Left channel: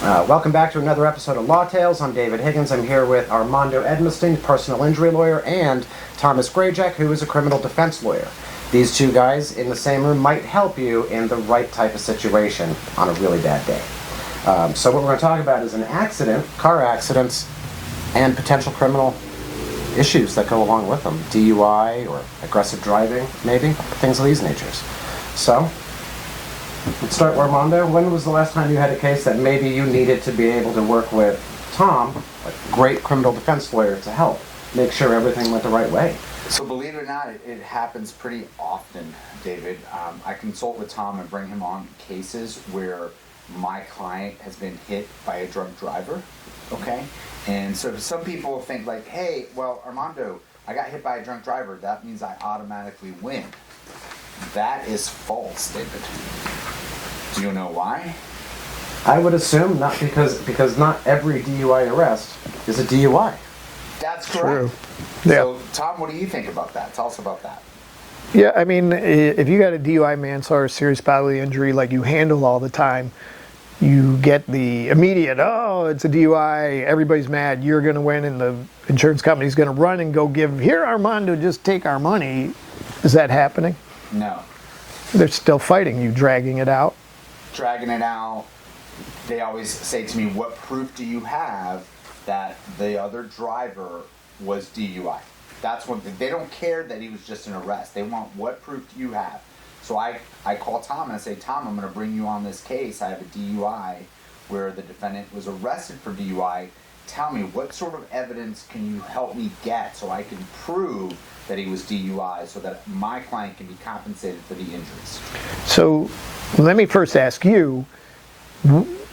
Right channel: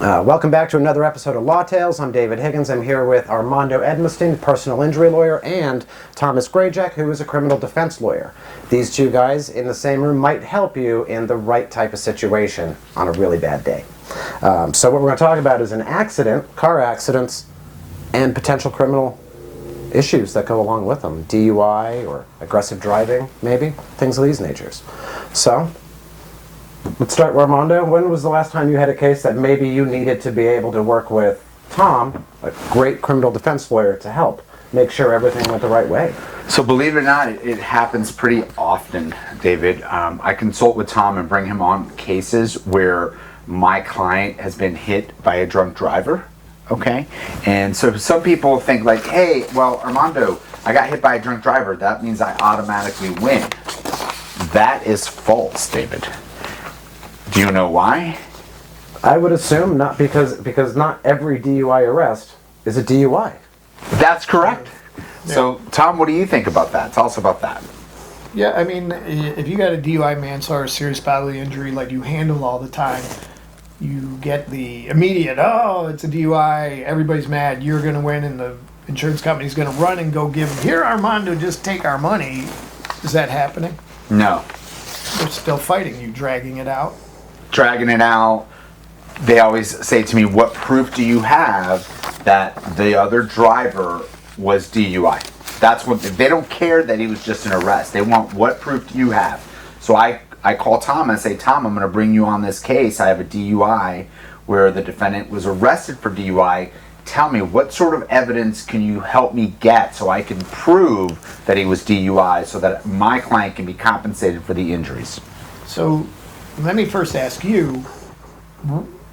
Welcome back to another episode of LawTails. I'm David Higgins. I'm here with Armando Edmiston, personal injury lawyer, and Thomas Grajek, who is a criminal defense lawyer. These two guys in the same room might help you in the right type of situation on a really bad day. So what we're going to talk about is an accident, car accidents, and potential criminal issues that go along with them. DUI or aggressive driving, maybe, things of these natures. So, let's start with Armando. When was the last time you had a case that maybe you needed to be able to work with Tom, a great criminal defense lawyer, to help make sure everything went the right way? So believe it or not, it happens pretty often, David. I consult with Tom and bring him on cases where my client has been hit by a drunk driver, okay? And so some people think like, hey, well, Armando, I got hit by a drunk driver. That means I automatically win. That is false, David. Do you know why? I would assume not, because not every DUI arrest is a DUI. That's correct. True. So, Tom, what do you think about that? Tell us about that. Yeah, I mean, if you got a DUI, manslaughter, serious bodily injury like you handle all the time, you get the immediate, oh, it's a DUI, everybody's mad, you're going to win, and the insurance company's going to run and go give, here, Armando, just take our money. Is that happening? No. They're still fighting you, dragging it out. Dragging it out. They always say to me, what proof do you have that the other driver was DUI? That's what they don't care that he was just an arrest. They want, what proof do you have? So I call Tom and I say, Tom, I'm going to bring you on this case. I have a DUI where the defendant was arrested for DUI. Tell me, what sort of evidence can you help me get so I can prove that he was DUI so that my client can be compensated for the injuries? So let me first ask you,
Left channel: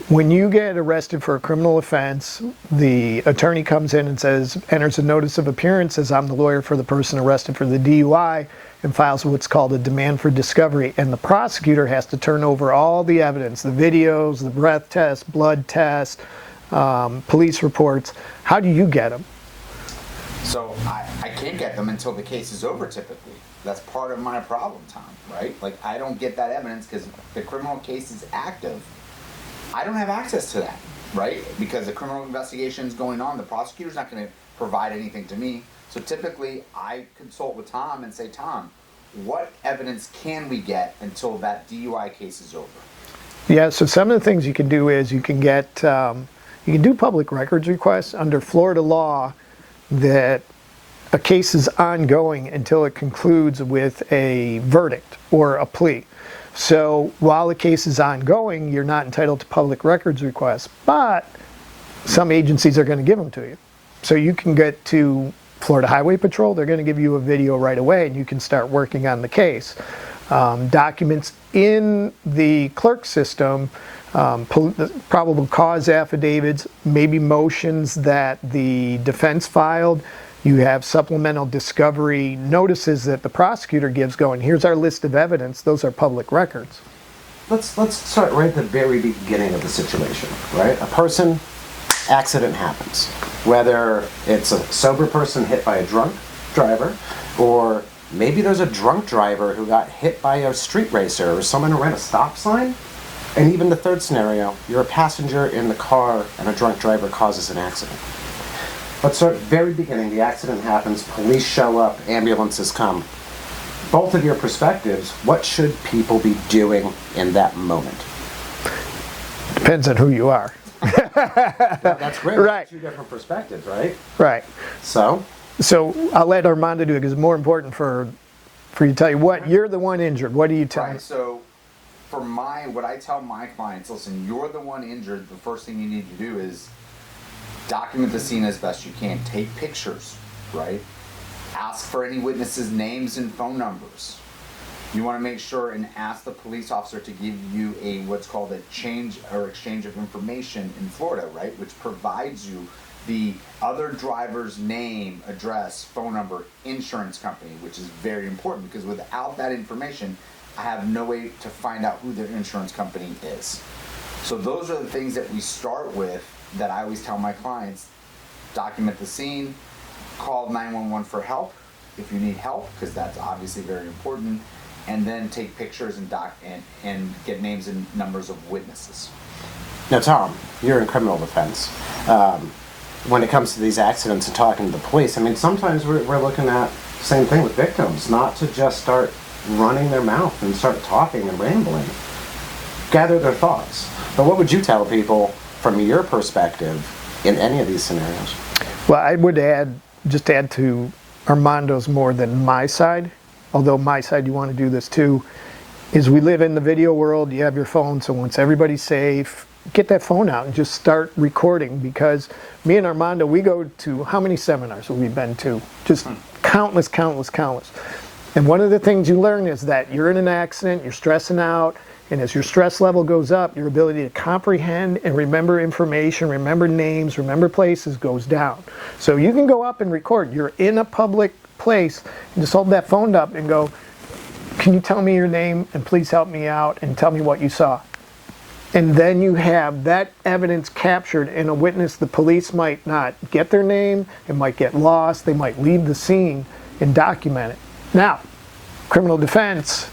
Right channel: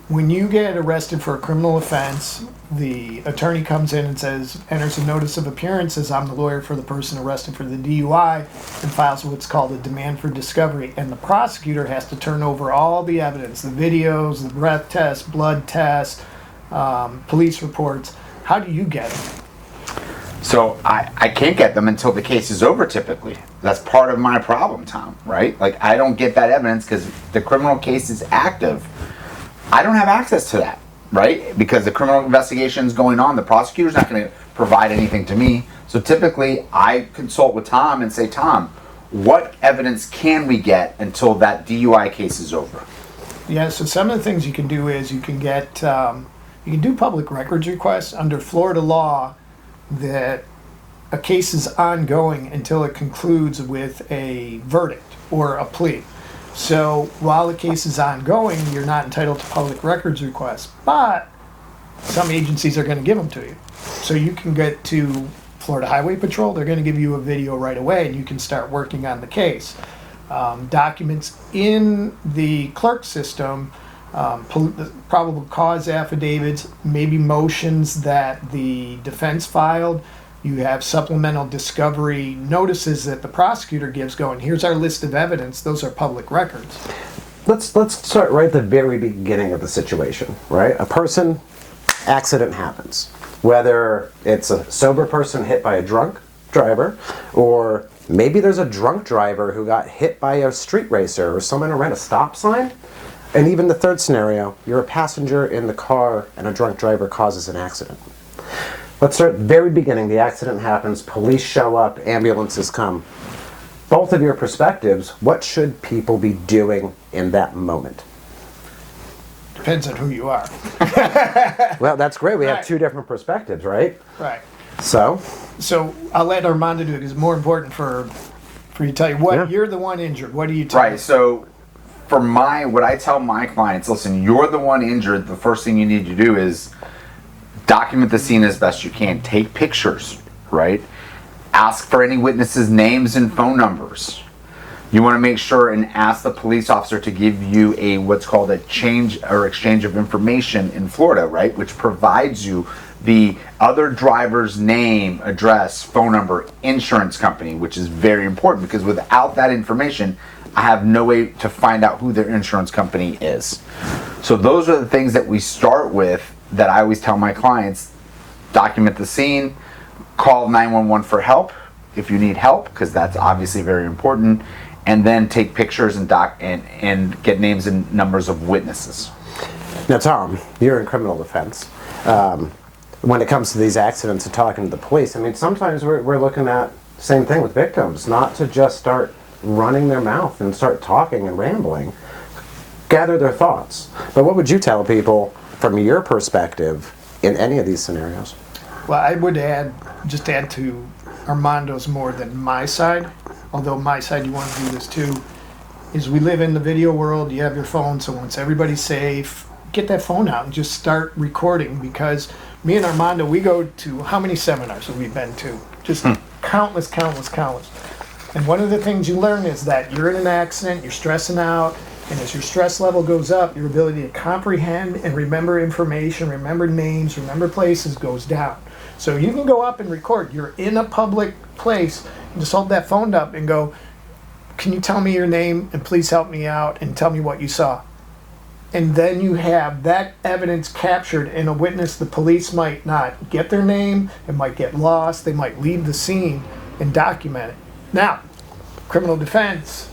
when you get arrested for a criminal offense, the attorney comes in and says, enters a notice of appearance, says I'm the lawyer for the person arrested for the DUI, and files what's called a demand for discovery, and the prosecutor has to turn over all the evidence, the videos, the breath test, blood test, police reports. How do you get them? So I can't get them until the case is over, typically. That's part of my problem, Tom, right? Like, I don't get that evidence because the criminal case is active. I don't have access to that, right? Because the criminal investigation is going on. The prosecutor's not going to provide anything to me. So typically, I consult with Tom and say, Tom, what evidence can we get until that DUI case is over? Yeah, so some of the things you can do is you can get, you can do public records requests under Florida law that a case is ongoing until it concludes with a verdict or a plea. So while the case is ongoing, you're not entitled to public records requests, but some agencies are going to give them to you. So you can get to Florida Highway Patrol, they're going to give you a video right away and you can start working on the case. Documents in the clerk system, probable cause affidavits, maybe motions that the defense filed. You have supplemental discovery notices that the prosecutor gives going, here's our list of evidence. Those are public records. Let's start right at the very beginning of the situation, right? A person, accident happens. Whether it's a sober person hit by a drunk driver, or maybe there's a drunk driver who got hit by a street racer or someone who ran a stop sign. And even the third scenario, you're a passenger in the car and a drunk driver causes an accident. Let's start at the very beginning. The accident happens, police show up, ambulances come. Both of your perspectives, what should people be doing in that moment? Depends on who you are. Well, that's great. We Right. have two different perspectives, right? Right. So I'll let Armando do it because it's more important for you to tell you what, you're the one injured. What do you tell Right, so for what I tell my clients, listen, you're the one injured. The first thing you need to do is document the scene as best you can. Take pictures, right? Ask for any witnesses' names and phone numbers. You want to make sure and ask the police officer to give you a what's called a change or exchange of information in Florida, right? Which provides you the other driver's name, address, phone number, insurance company, which is very important because without that information, I have no way to find out who their insurance company is. So those are the things that we start with that I always tell my clients. Document the scene, call 911 for help if you need help, because that's obviously very important, and then take pictures and get names and numbers of witnesses. Now, Tom, you're in criminal defense. When it comes to these accidents and talking to the police, I mean, sometimes we're looking at same thing with victims, not to just start running their mouth and start talking and rambling. Gather their thoughts. But what would you tell people from your perspective in any of these scenarios? Well, I would add to Armando's more than my side, although my side, you want to do this too, is we live in the video world. You have your phone, so once everybody's safe, get that phone out and just start recording, because me and Armando, we go to, how many seminars have we been to? Just countless. And one of the things you learn is that you're in an accident, you're stressing out, and as your stress level goes up, your ability to comprehend and remember information, remember names, remember places goes down. So you can go up and record. You're in a public place, and just hold that phone up and go, can you tell me your name and please help me out and tell me what you saw? And then you have that evidence captured in a witness. The police might not get their name, it might get lost, they might leave the scene and document it. Now, criminal defense,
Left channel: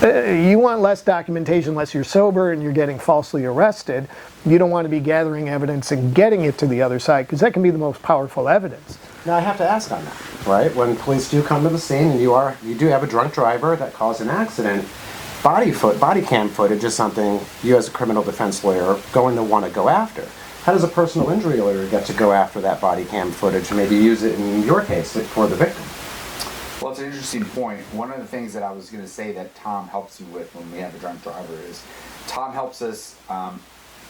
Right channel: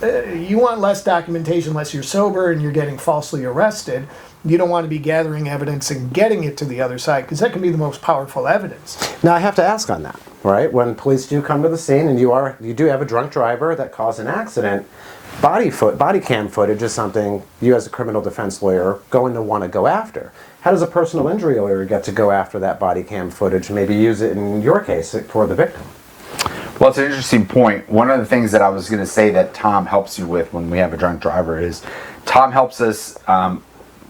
you want less documentation unless you're sober and you're getting falsely arrested. You don't want to be gathering evidence and getting it to the other side, because that can be the most powerful evidence. Now, I have to ask on that, right? When police do come to the scene and you do have a drunk driver that caused an accident, body cam footage is something you as a criminal defense lawyer are going to want to go after. How does a personal injury lawyer get to go after that body cam footage and maybe use it in your case for the victim? Well, it's an interesting point. One of the things that I was going to say that Tom helps you with when we have a drunk driver is Tom helps us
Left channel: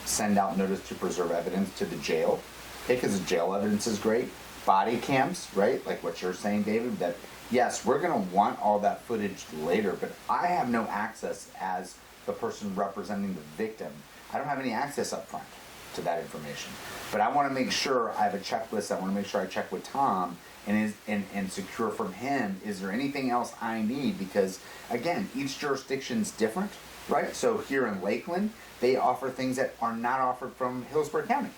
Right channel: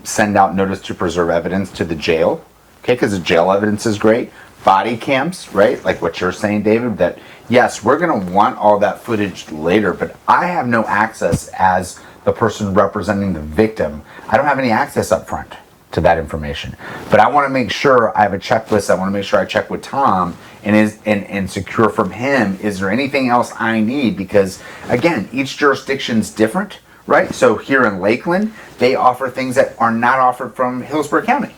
send out notice to preserve evidence to the jail, okay, because the jail evidence is great. Body cams, right, like what you're saying, David, that yes, we're going to want all that footage later, but I have no access as the person representing the victim. I don't have any access up front to that information. But I want to make sure I have a checklist. I want to make sure I check with Tom and secure from him, is there anything else I need? Because again, each jurisdiction's different, right? So here in Lakeland, they offer things that are not offered from Hillsborough County.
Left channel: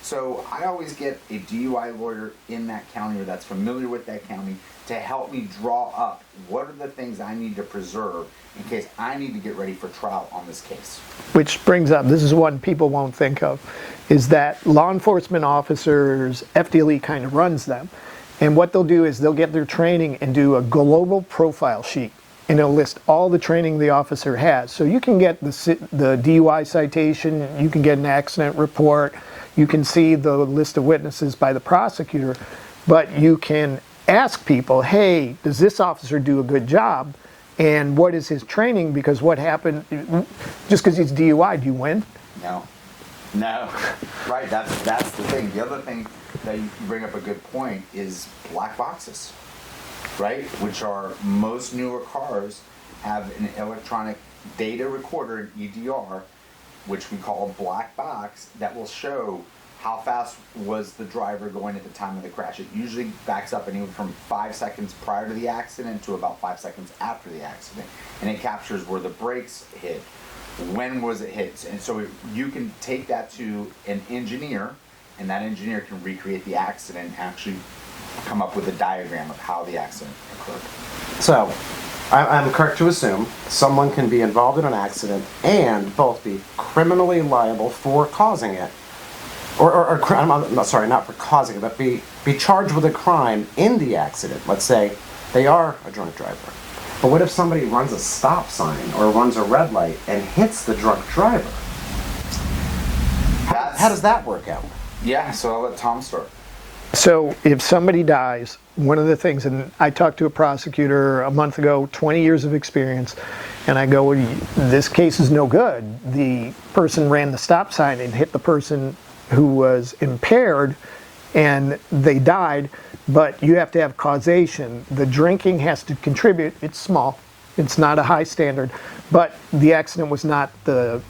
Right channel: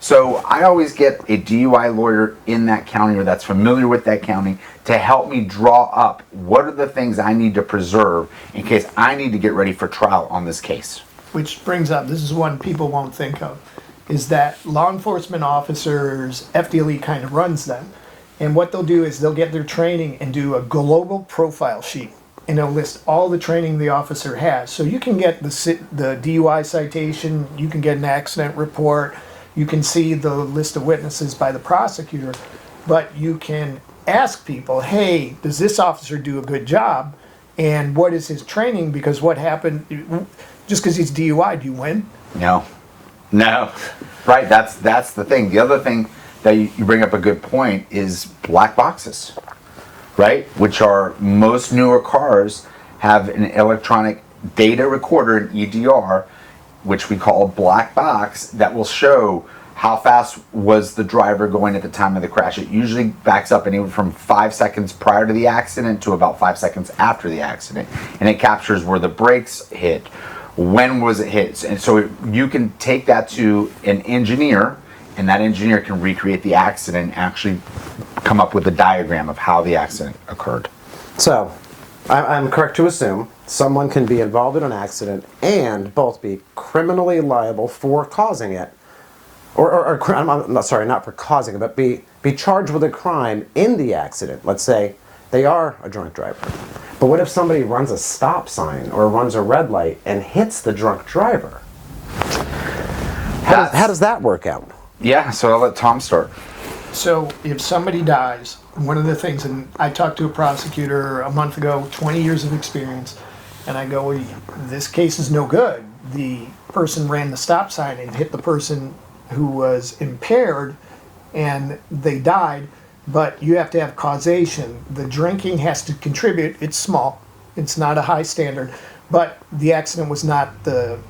So I always get a DUI lawyer in that county or that's familiar with that county to help me draw up what are the things I need to preserve in case I need to get ready for trial on this case. Which brings up, this is one people won't think of, is that law enforcement officers, FDLE kind of runs them. And what they'll do is they'll get their training and do a global profile sheet. And it'll list all the training the officer has. So you can get the DUI citation, you can get an accident report, you can see the list of witnesses by the prosecutor, but you can ask people, hey, does this officer do a good job? And what is his training? Because what happened, just because he's DUI, do you win? No. Right, that's the thing. The other thing that you bring up a good point is black boxes, right? Which are, most newer cars have an electronic data recorder, an EDR, which we call a black box, that will show how fast was the driver going at the time of the crash. It usually backs up anywhere from 5 seconds prior to the accident to about 5 seconds after the accident. And it captures where the brakes hit, when was it hit. And so you can take that to an engineer, and that engineer can recreate the accident and actually come up with a diagram of how the accident occurred. So, I'm correct to assume someone can be involved in an accident and both be criminally liable for causing it, not for causing it, but be charged with a crime in the accident. Let's say they are a drunk driver. But what if somebody runs a stop sign or runs a red light and hits the drunk driver? How does that work out? Yeah, so I'll let Tom start. So if somebody dies, one of the things, and I talked to a prosecutor a month ago, 20 years of experience, and I go, this case is no good. The person ran the stop sign and hit the person who was impaired, and they died, but you have to have causation. The drinking has to contribute. It's small. It's not a high standard, but the accident was not the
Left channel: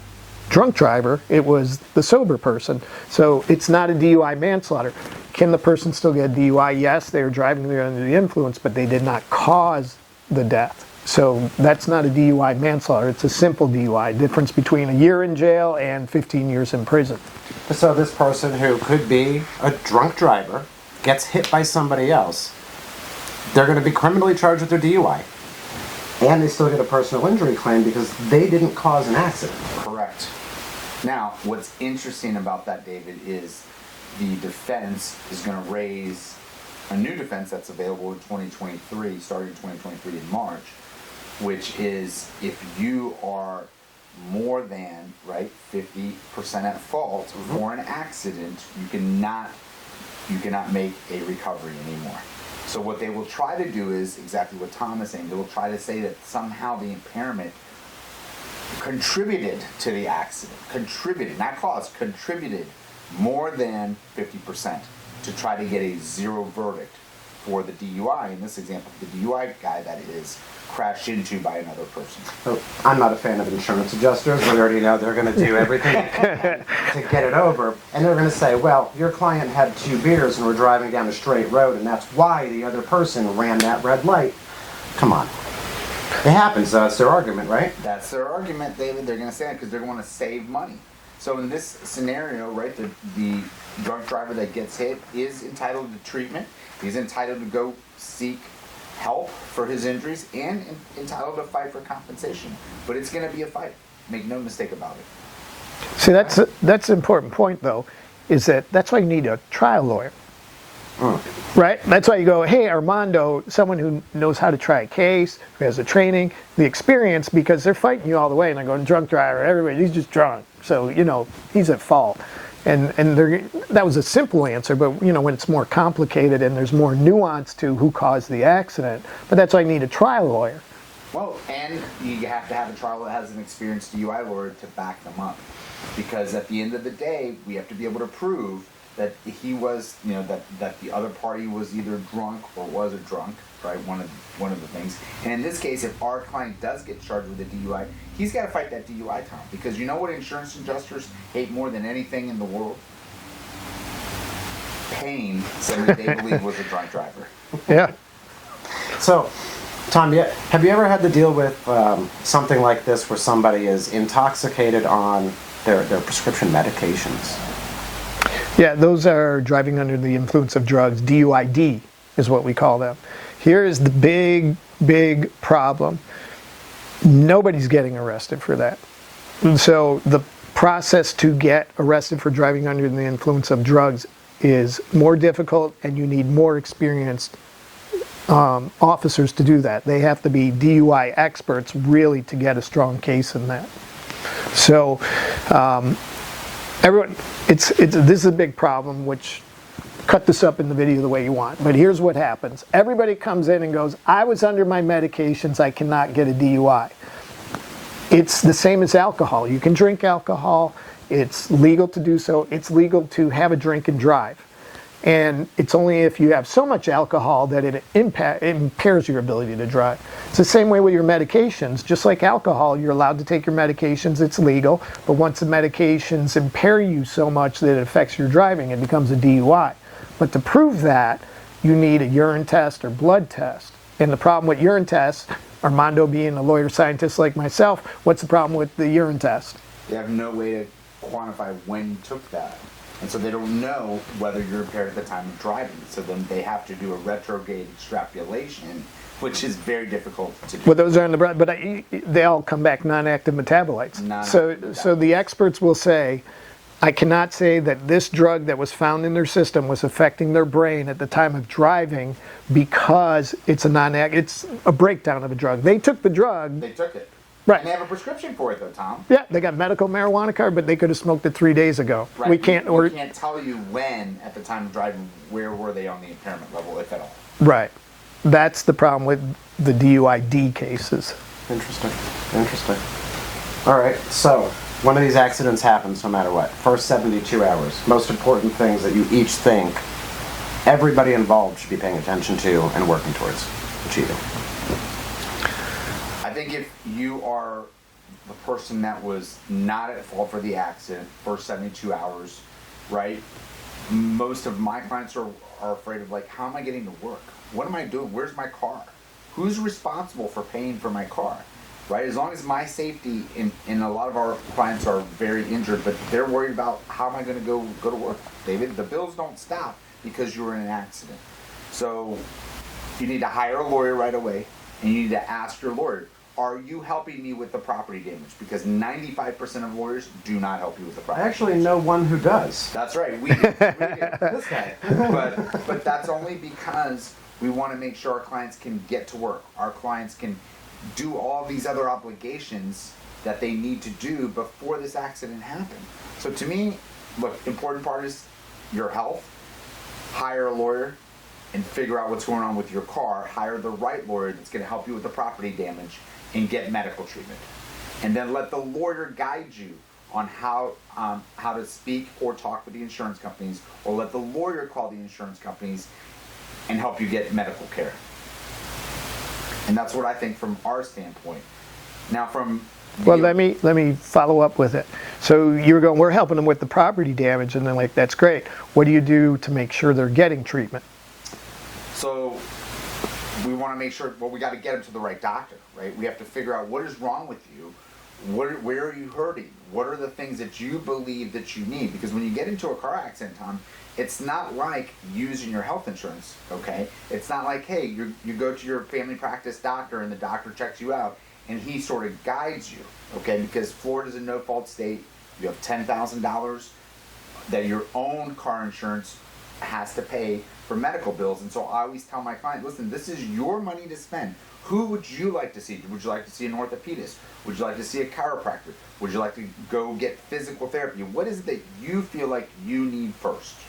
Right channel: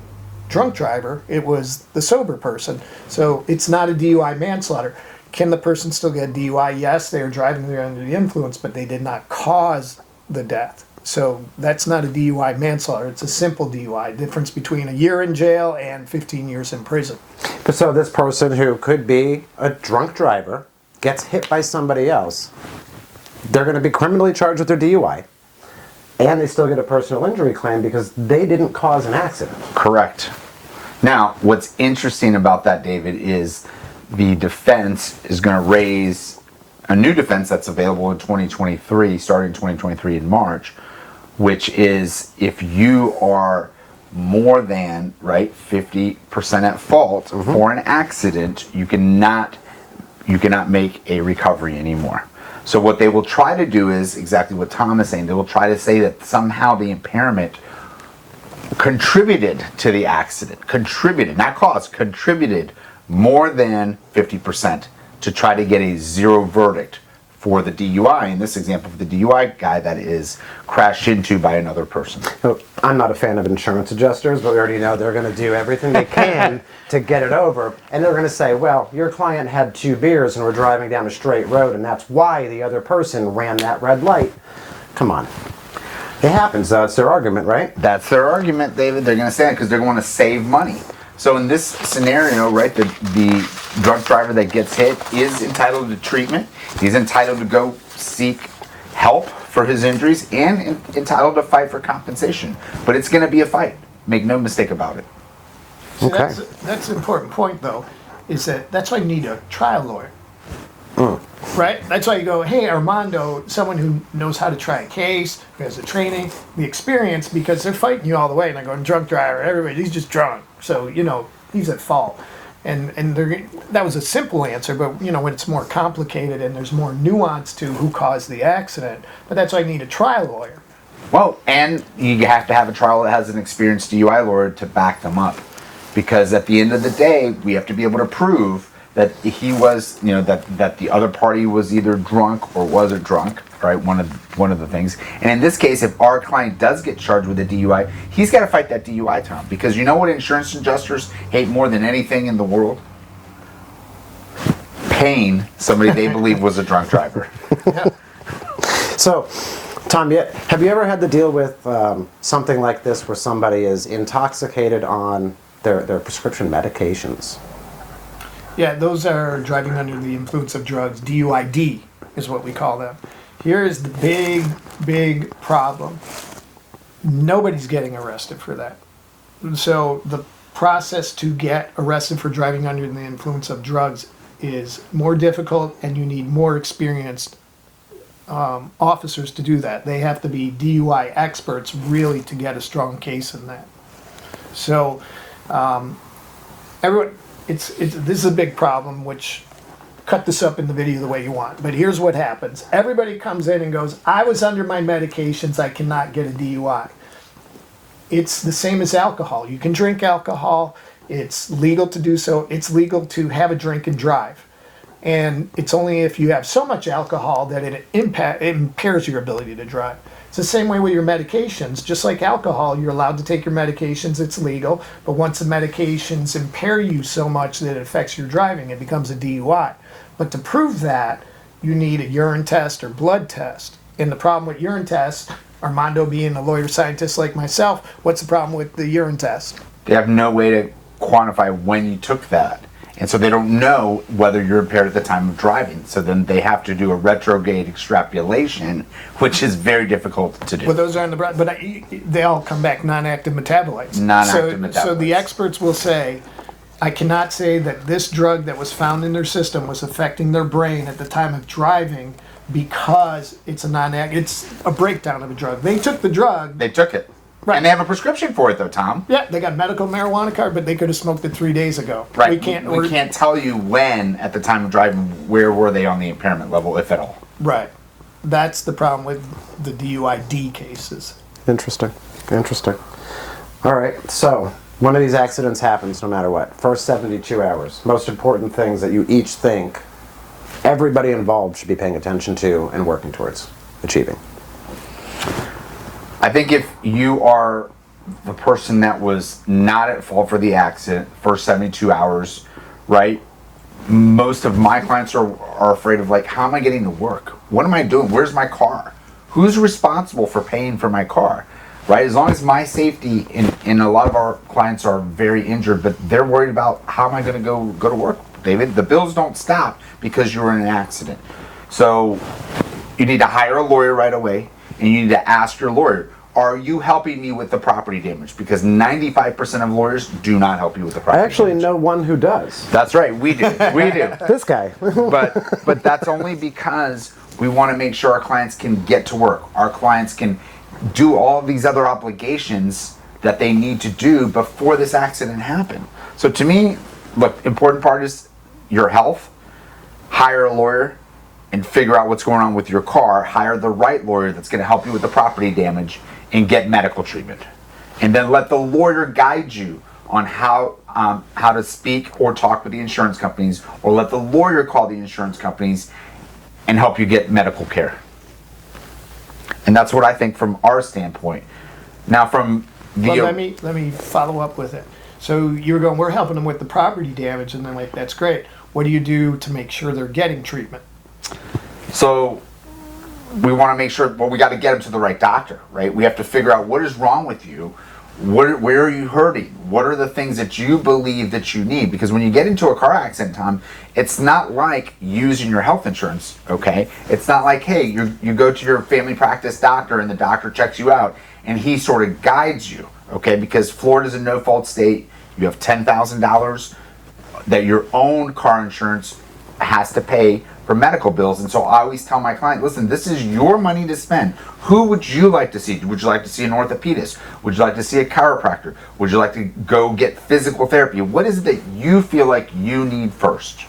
drunk driver, it was the sober person. So it's not a DUI manslaughter. Can the person still get a DUI? Yes, they were driving under the influence, but they did not cause the death. So that's not a DUI manslaughter. It's a simple DUI. Difference between a year in jail and 15 years in prison. So this person who could be a drunk driver gets hit by somebody else, they're going to be criminally charged with their DUI. And they still get a personal injury claim because they didn't cause an accident. Correct. Now, what's interesting about that, David, is the defense is going to raise a new defense that's available in 2023, starting in 2023 in March, which is if you are more than 50% at fault for an accident, you cannot make a recovery anymore. So what they will try to do is exactly what Tom is saying. They will try to say that somehow the impairment contributed to the accident, not caused, contributed more than 50% to try to get a zero verdict for the DUI. In this example, for the DUI guy that is crashed into by another person. So I'm not a fan of insurance adjusters. We already know they're going to do everything they can to get it over. And they're going to say, well, your client had 2 beers and we're driving down a straight road and that's why the other person ran that red light. Come on. It happens. It's their argument, right? That's their argument, David. They're going to say it because they're going to save money. So in this scenario, the drunk driver that gets hit is entitled to treatment. He's entitled to go seek help for his injuries and entitled to fight for compensation. But it's going to be a fight. Make no mistake about it. See, that's an important point, though, is that's why you need a trial lawyer. Right? That's why you go, hey, Armando, someone who knows how to try a case, who has the training, the experience, because they're fighting you all the way, and they're going, drunk driver, everybody, he's just drunk. So, he's at fault. And that was a simple answer, but, when it's more complicated and there's more nuance to who caused the accident, but that's why you need a trial lawyer. Well, and you have to have a trial that has an experienced DUI lawyer to back them up. Because at the end of the day, we have to be able to prove that he was, that the other party was either drunk or wasn't drunk, right? One of the things. And in this case, if our client does get charged with a DUI, he's got to fight that DUI term. Because you know what insurance adjusters hate more than anything in the world? Paying somebody they believe was a drunk driver. Yeah. So, Tom, have you ever had to deal with something like this where somebody is intoxicated on their prescription medications? Yeah, those are driving under the influence of drugs. DUID is what we call them. Here is the big problem. Nobody's getting arrested for that. So the process to get arrested for driving under the influence of drugs is more difficult, and you need more experienced officers to do that. They have to be DUI experts really to get a strong case in that. So everyone, this is a big problem, which cut this up in the video the way you want. But here's what happens. Everybody comes in and goes, I was under my medications, I cannot get a DUI. It's the same as alcohol. You can drink alcohol. It's legal to do so. It's legal to have a drink and drive. And it's only if you have so much alcohol that it impairs your ability to drive. It's the same way with your medications. Just like alcohol, you're allowed to take your medications, it's legal, but once the medications impair you so much that it affects your driving, it becomes a DUI. But to prove that, you need a urine test or blood test. And the problem with urine tests, Armando being a lawyer scientist like myself, what's the problem with the urine test? They have no way to quantify when you took that. And so they don't know whether you're impaired at the time of driving. So then they have to do a retrograde extrapolation, which is very difficult to do. But those are on the but they all come back non-active metabolites. Non-active metabolites. So the experts will say, I cannot say that this drug that was found in their system was affecting their brain at the time of driving because it's a breakdown of a drug. They took the drug. They took it. Right. And they have a prescription for it, though, Tom. Yeah, they got medical marijuana card, but they could have smoked it 3 days ago. Right. We can't tell you when, at the time of driving, where were they on the impairment level, if at all. Right. That's the problem with the DUID cases. Interesting. All right, so one of these accidents happens no matter what. First 72 hours. Most important things that you each think everybody involved should be paying attention to and working towards achieving. I think if you are the person that was not at fault for the accident, first 72 hours, right? Most of my clients are afraid of, like, how am I getting to work? What am I doing? Where's my car? Who's responsible for paying for my car? Right? As long as my safety, and a lot of our clients are very injured, but they're worried about how am I going to go to work, David? The bills don't stop because you were in an accident. So you need to hire a lawyer right away. And you need to ask your lawyer, are you helping me with the property damage? Because 95% of lawyers do not help you with the I property actually damage. know one who does. That's right, we do. We do. This guy. But that's only because we want to make sure our clients can get to work. Our clients can do all these other obligations that they need to do before this accident happened. So to me, look, important part is your health. Hire a lawyer and figure out what's going on with your car. Hire the right lawyer that's going to help you with the property damage and get medical treatment. And then let the lawyer guide you on how to speak or talk with the insurance companies, or let the lawyer call the insurance companies and help you get medical care. And that's what I think from our standpoint. Now from the... Well, let me follow up with it. So you're going, we're helping them with the property damage, and they're like, that's great. What do you do to make sure they're getting treatment? So we want to make sure, well, we got to get them to the right doctor, right? We have to figure out what is wrong with you. Where are you hurting? What are the things that you believe that you need? Because when you get into a car accident, Tom, it's not like using your health insurance, okay? It's not like, hey, you go to your family practice doctor and the doctor checks you out and he sort of guides you, okay? Because Florida's a no-fault state. You have $10,000 that your own car insurance has to pay for medical bills. And so I always tell my client, listen, this is your money to spend. Who would you like to see? Would you like to see an orthopedist? Would you like to see a chiropractor? Would you like to go get physical therapy? What is it that you feel like you need first?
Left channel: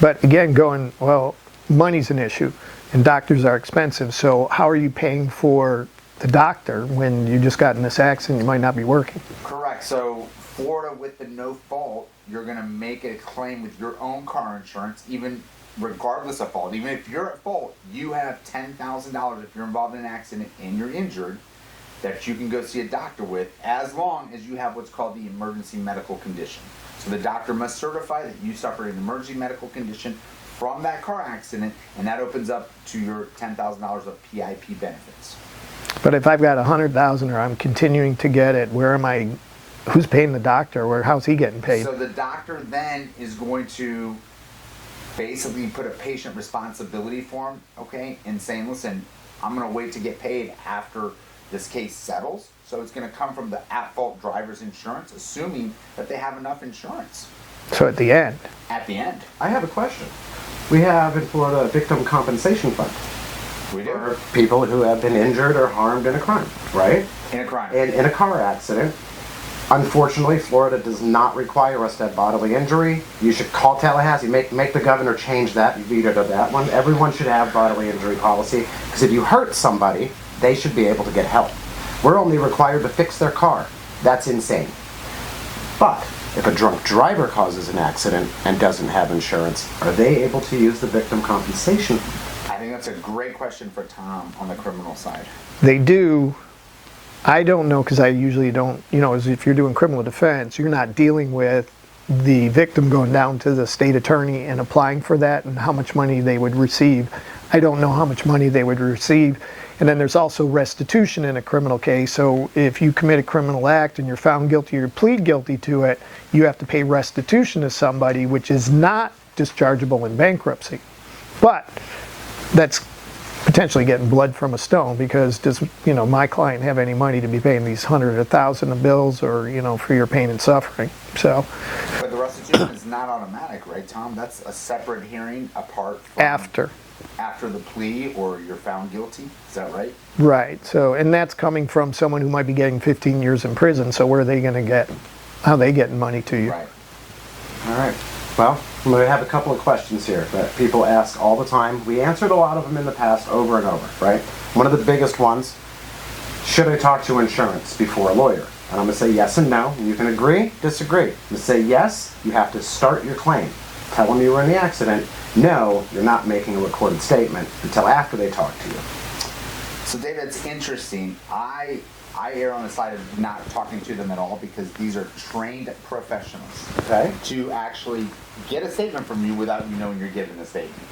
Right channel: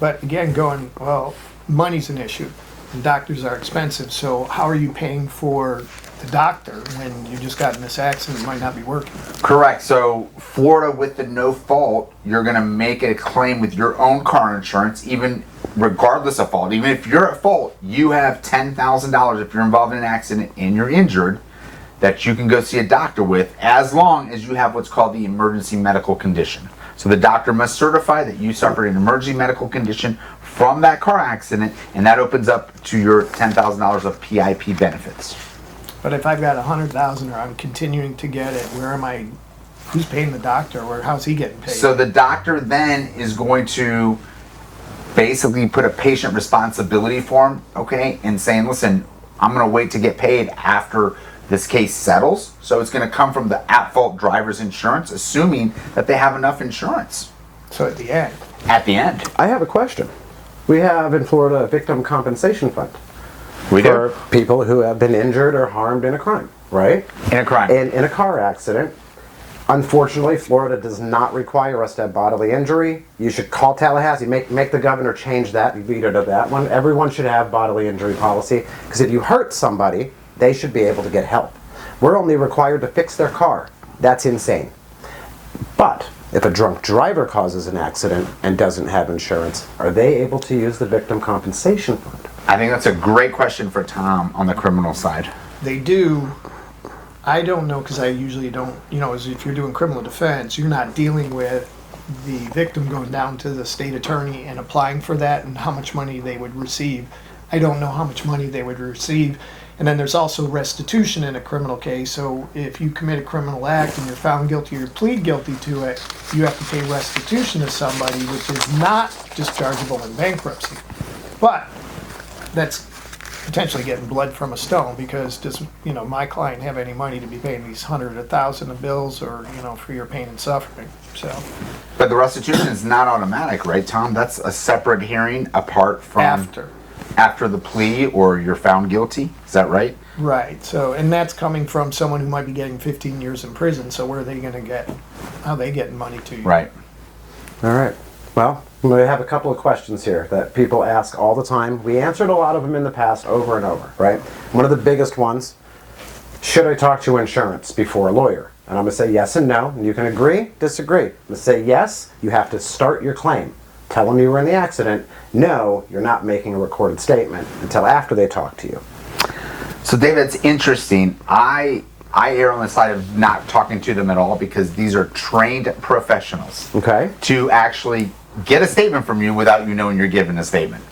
But again, going, well, money's an issue, and doctors are expensive, so how are you paying for the doctor when you just got in this accident and might not be working? Correct. So Florida, with the no fault, you're going to make a claim with your own car insurance, even regardless of fault. Even if you're at fault, you have $10,000 if you're involved in an accident and you're injured that you can go see a doctor with, as long as you have what's called the emergency medical condition. So the doctor must certify that you suffered an emergency medical condition from that car accident, and that opens up to your $10,000 of PIP benefits. But if I've got $100,000 or I'm continuing to get it, where am I? Who's paying the doctor, or how's he getting paid? So the doctor then is going to basically put a patient responsibility form, okay, and saying, listen, I'm going to wait to get paid after this case settles. So it's going to come from the at-fault driver's insurance, assuming that they have enough insurance. So at the end. At the end. I have a question. We have in Florida a victim compensation fund for people who have been injured or harmed in a crime, right? In a crime. And in a car accident. Unfortunately, Florida does not require us to have bodily injury. You should call Tallahassee, make the governor change that. You vetoed that one. Everyone should have bodily injury policy, because if you hurt somebody, they should be able to get help. We're only required to fix their car. That's insane. But if a drunk driver causes an accident and doesn't have insurance, are they able to use the victim compensation fund? I think that's a great question for Tom on the criminal side. They do. I don't know, because I usually don't, as if you're doing criminal defense, you're not dealing with the victim going down to the state attorney and applying for that and how much money they would receive. I don't know how much money they would receive. And then there's also restitution in a criminal case. So if you commit a criminal act and you're found guilty or plead guilty to it, you have to pay restitution to somebody, which is not dischargeable in bankruptcy. But that's potentially getting blood from a stone, because does my client have any money to be paying these 100 or 1,000 of bills, or for your pain and suffering? So But the restitution is not automatic, right, Tom? That's a separate hearing apart from after the plea or you're found guilty. Is that right? Right. So, and that's coming from someone who might be getting 15 years in prison. So where are they going to get? How are they getting money to you? Right. All right. Well, we have a couple of questions here that people ask all the time. We answered a lot of them in the past over and over, right? One of the biggest ones, should I talk to insurance before a lawyer? And I'm going to say yes and no. And you can agree, disagree. To say yes, you have to start your claim. Tell them you were in the accident. No, you're not making a recorded statement until after they talk to you. So David, it's interesting. I err on the side of not talking to them at all, because these are trained professionals. Okay. To actually get a statement from you without you knowing you're giving a statement.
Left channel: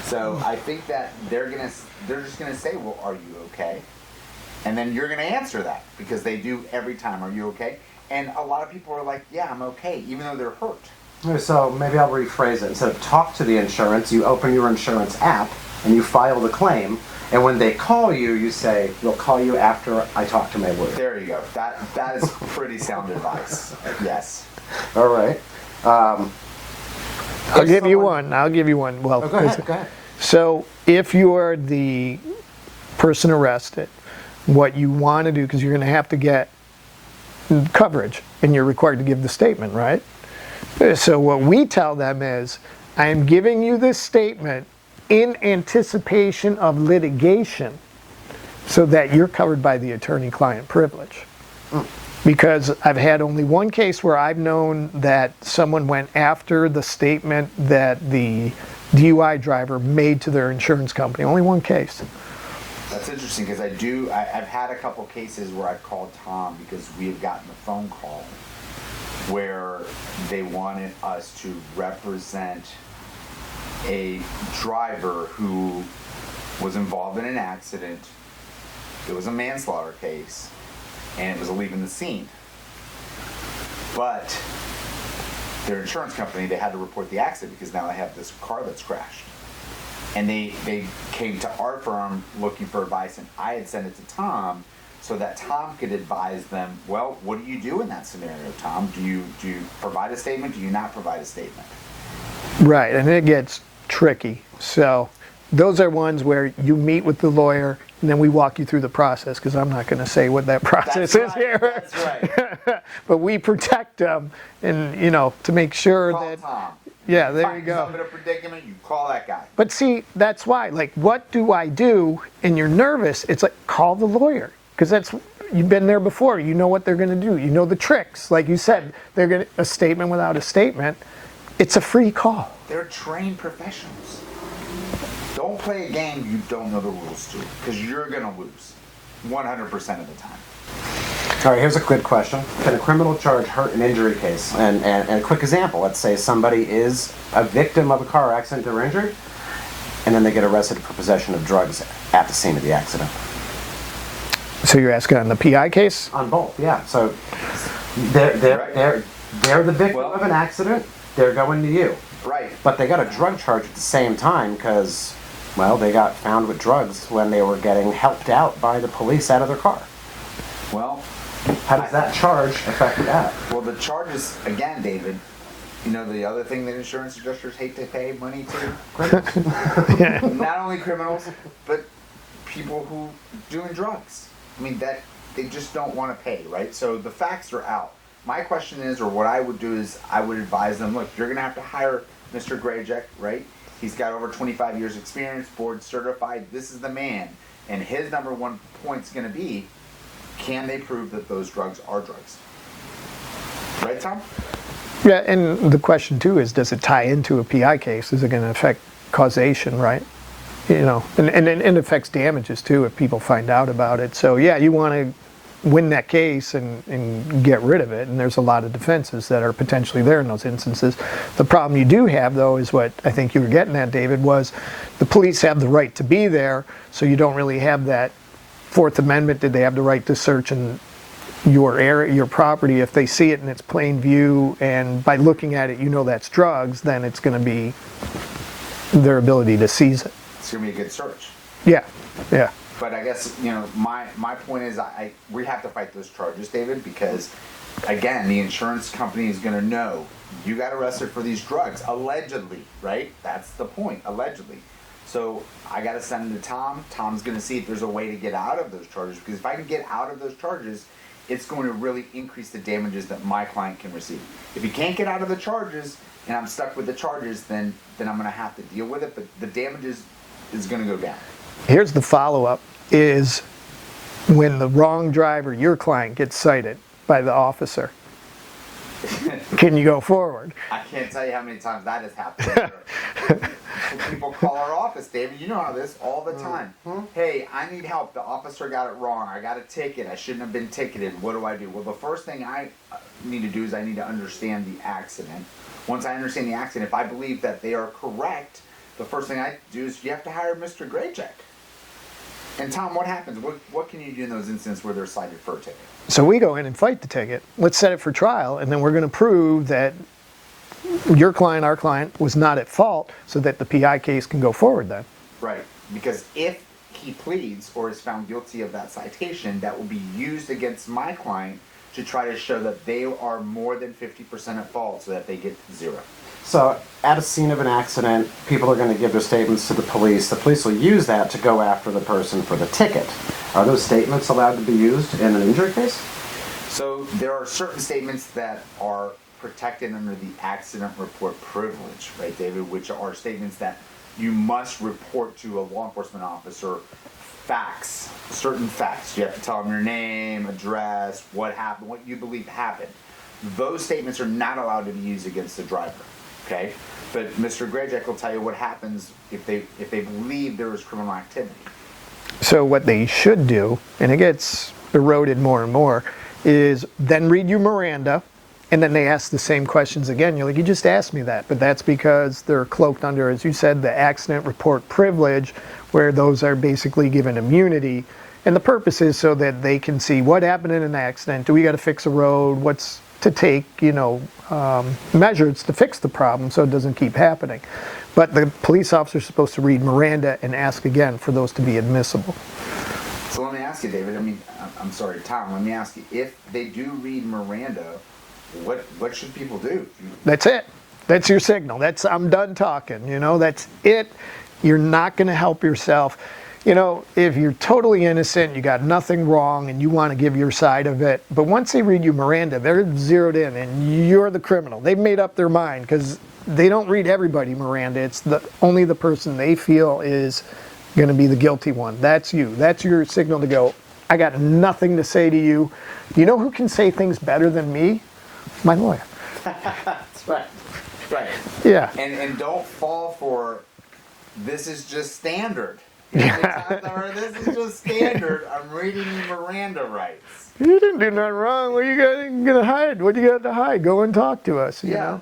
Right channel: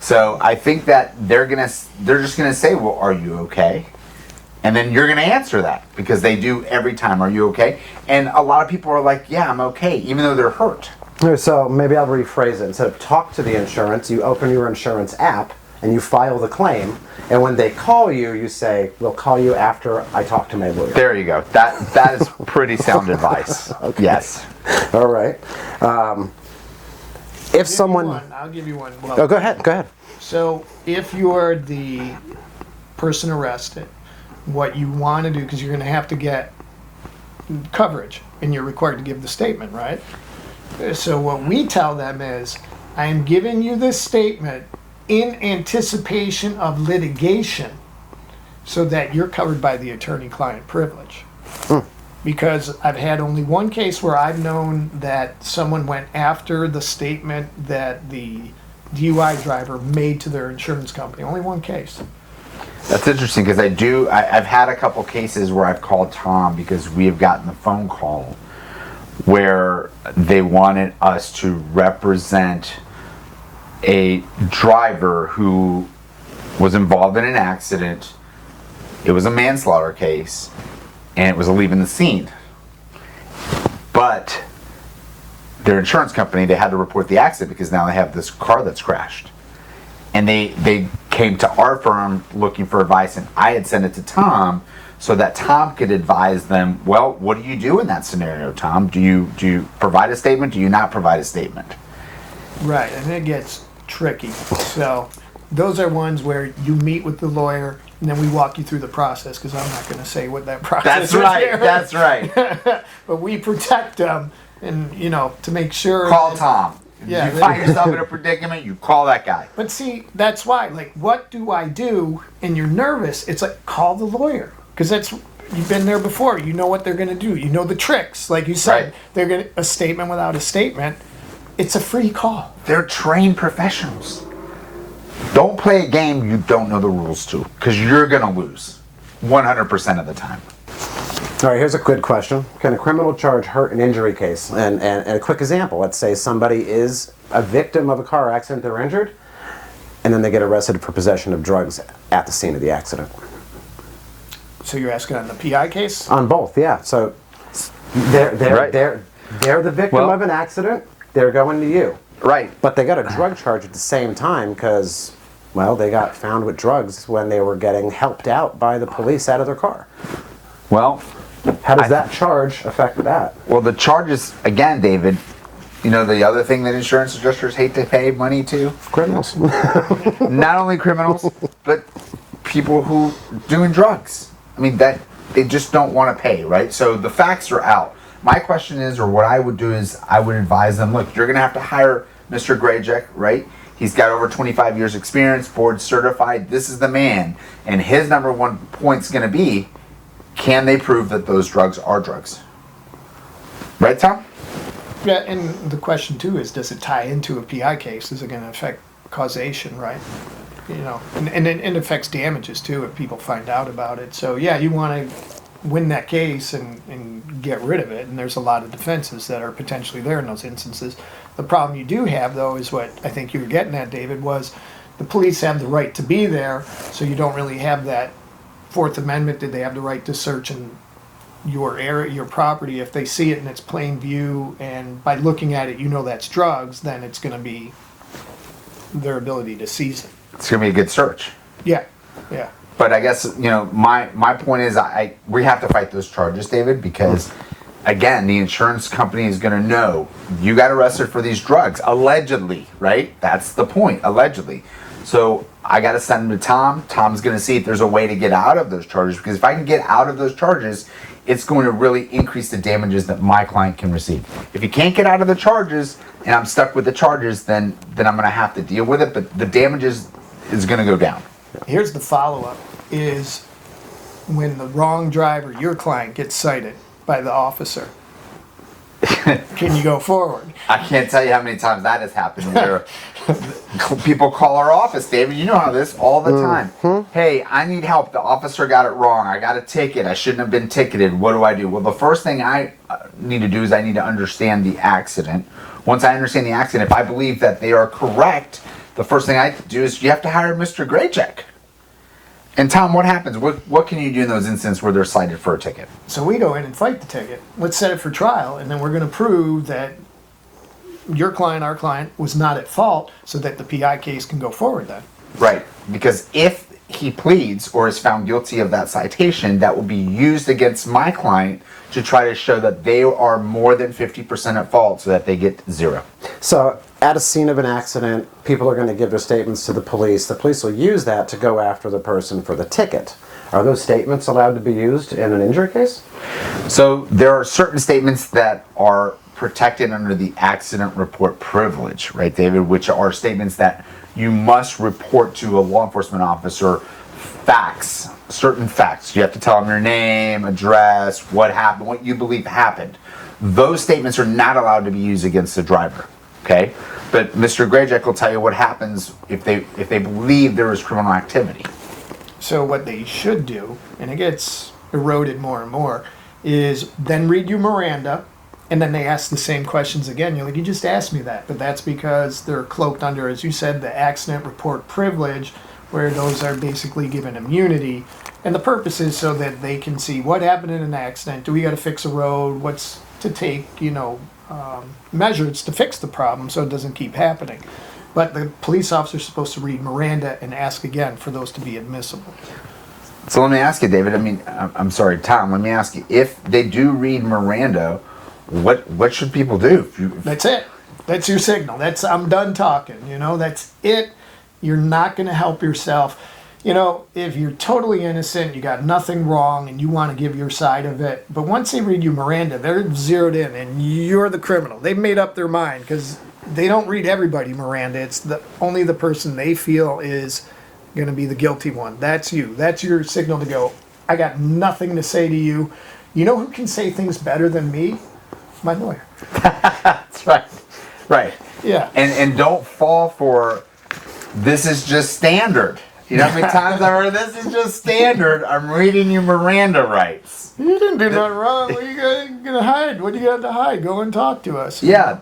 So I think that they're just gonna say, well, are you okay? And then you're gonna answer that, because they do every time, are you okay? And a lot of people are like, yeah, I'm okay, even though they're hurt. So maybe I'll rephrase it. Instead of talk to the insurance, you open your insurance app and you file the claim, And when they call you, you say, we'll call you after I talk to my lawyer. There you go. That is pretty sound advice. Yes. All right. I'll give you one. Well, Oh, go ahead. So if you are the person arrested, what you want to do, because you're going to have to get coverage and you're required to give the statement, right? So what we tell them is, I am giving you this statement in anticipation of litigation so that you're covered by the attorney-client privilege. Because I've had only one case where I've known that someone went after the statement that the DUI driver made to their insurance company. Only one case. That's interesting because I've had a couple cases where I've called Tom because we have gotten a phone call where they wanted us to represent a driver who was involved in an accident. It was a manslaughter case and it was leaving the scene. But their insurance company, they had to report the accident because now they have this car that's crashed. And they came to our firm looking for advice, and I had sent it to Tom so that Tom could advise them, well, what do you do in that scenario, Tom? Do you provide a statement? Do you not provide a statement? Right, and it gets tricky. So those are ones where you meet with the lawyer and then we walk you through the process, because I'm not going to say what that process is. That's right. But we protect them, and to make sure. Call Tom. Yeah, you find yourself in a predicament, you call that guy. But see, that's why, what do I do? And you're nervous, it's like, call the lawyer. Because you've been there before, you know what they're going to do. You know the tricks. Like you said, Right. They're going to, a statement without a statement, it's a free call. They're trained professionals. Don't play a game you don't know the rules to, because you're going to lose 100% of the time. All right, here's a quick question. Can a criminal charge hurt an injury case? And a quick example, let's say somebody is a victim of a car accident, they're injured, and then they get arrested for possession of drugs at the scene of the accident. So you're asking on the PI case? On both, yeah. So they're the victim of an accident, they're going to you. Right. But they got a drug charge at the same time because, well, they got found with drugs when they were getting helped out by the police out of their car. Well, how does that charge affect that? Well, the charges, again, David, the other thing that insurance adjusters hate to pay money to? Criminals. Not only criminals, but people who doing drugs. I mean, that they just don't want to pay, right? So the facts are out. My question is, or what I would do is, I would advise them, look, you're going to have to hire Mr. Grajek, right? He's got over 25 years experience, board certified. This is the man. And his number one point's going to be, can they prove that those drugs are drugs? Right, Tom? Yeah, and the question too is, does it tie into a PI case? Is it going to affect causation, right? And it affects damages too if people find out about it. So yeah, you want to win that case and get rid of it, and there's a lot of defenses that are potentially there in those instances. The problem you do have, though, is what I think you were getting at, David, was the police have the right to be there, so you don't really have that Fourth Amendment. Did they have the right to search in your area, your property? If they see it in its plain view, and by looking at it, that's drugs, then it's going to be their ability to seize it. It's going to be a good search. Yeah. But I guess, my point is we have to fight those charges, David, because, again, the insurance company is going to know you got arrested for these drugs, allegedly, right? That's the point, allegedly. So I got to send them to Tom. Tom's going to see if there's a way to get out of those charges, because if I can get out of those charges, it's going to really increase the damages that my client can receive. If you can't get out of the charges and I'm stuck with the charges, then I'm going to have to deal with it, but the damages is going to go down. Here's the follow-up, is when the wrong driver, your client, gets cited by the officer, can you go forward? I can't tell you how many times that has happened. Where people call our office, David, you know how this all the time. Hey, I need help. The officer got it wrong. I got a ticket. I shouldn't have been ticketed. What do I do? Well, the first thing I need to do is I need to understand the accident. Once I understand the accident, if I believe that they are correct, the first thing I do is you have to hire Mr. Grajek. And Tom, what happens? What can you do in those instances where they're cited for a ticket? So we go in and fight the ticket. Let's set it for trial, and then we're going to prove that your client, our client, was not at fault, so that the PI case can go forward then. Right. Because if he pleads or is found guilty of that citation, that will be used against my client to try to show that they are more than 50% at fault so that they get 0. So at a scene of an accident, people are going to give their statements to the police. The police will use that to go after the person for the ticket. Are those statements allowed to be used in an injury case? So there are certain statements that are protected under the accident report privilege, right, David, which are statements that you must report to a law enforcement officer facts, certain facts. You have to tell them your name, address, what happened, what you believe happened. Those statements are not allowed to be used against the driver, okay? But Mr. Grajek will tell you what happens if they believe there is criminal activity. So what they should do, and it gets eroded more and more, is then read you Miranda, and then they ask the same questions again. You're like, you just asked me that. But that's because they're cloaked under, as you said, the accident report privilege, where those are basically given immunity. And the purpose is so that they can see what happened in an accident. Do we got to fix a road? What's to take, measures to fix the problem so it doesn't keep happening. But the police officer is supposed to read Miranda and ask again for those to be admissible. So let me ask you, David, I'm sorry, Tom, let me ask you, if they do read Miranda, what should people do? That's it. That's your signal. I'm done talking, that's it. You're not going to help yourself. If you're totally innocent, you got nothing wrong, and you want to give your side of it, but once they read you Miranda, they're zeroed in, and you're the criminal. They've made up their mind, because they don't read everybody Miranda. It's only the person they feel is going to be the guilty one. That's you. That's your signal to go, I got nothing to say to you. You know who can say things better than me? My lawyer. That's right. Right. Yeah. And don't fall for, this is just standard. You know how many times I've heard, this is just standard, I'm reading you Miranda rights. You didn't do nothing wrong. What are you gonna hide? What do you got to hide? Go and talk to us. Yeah.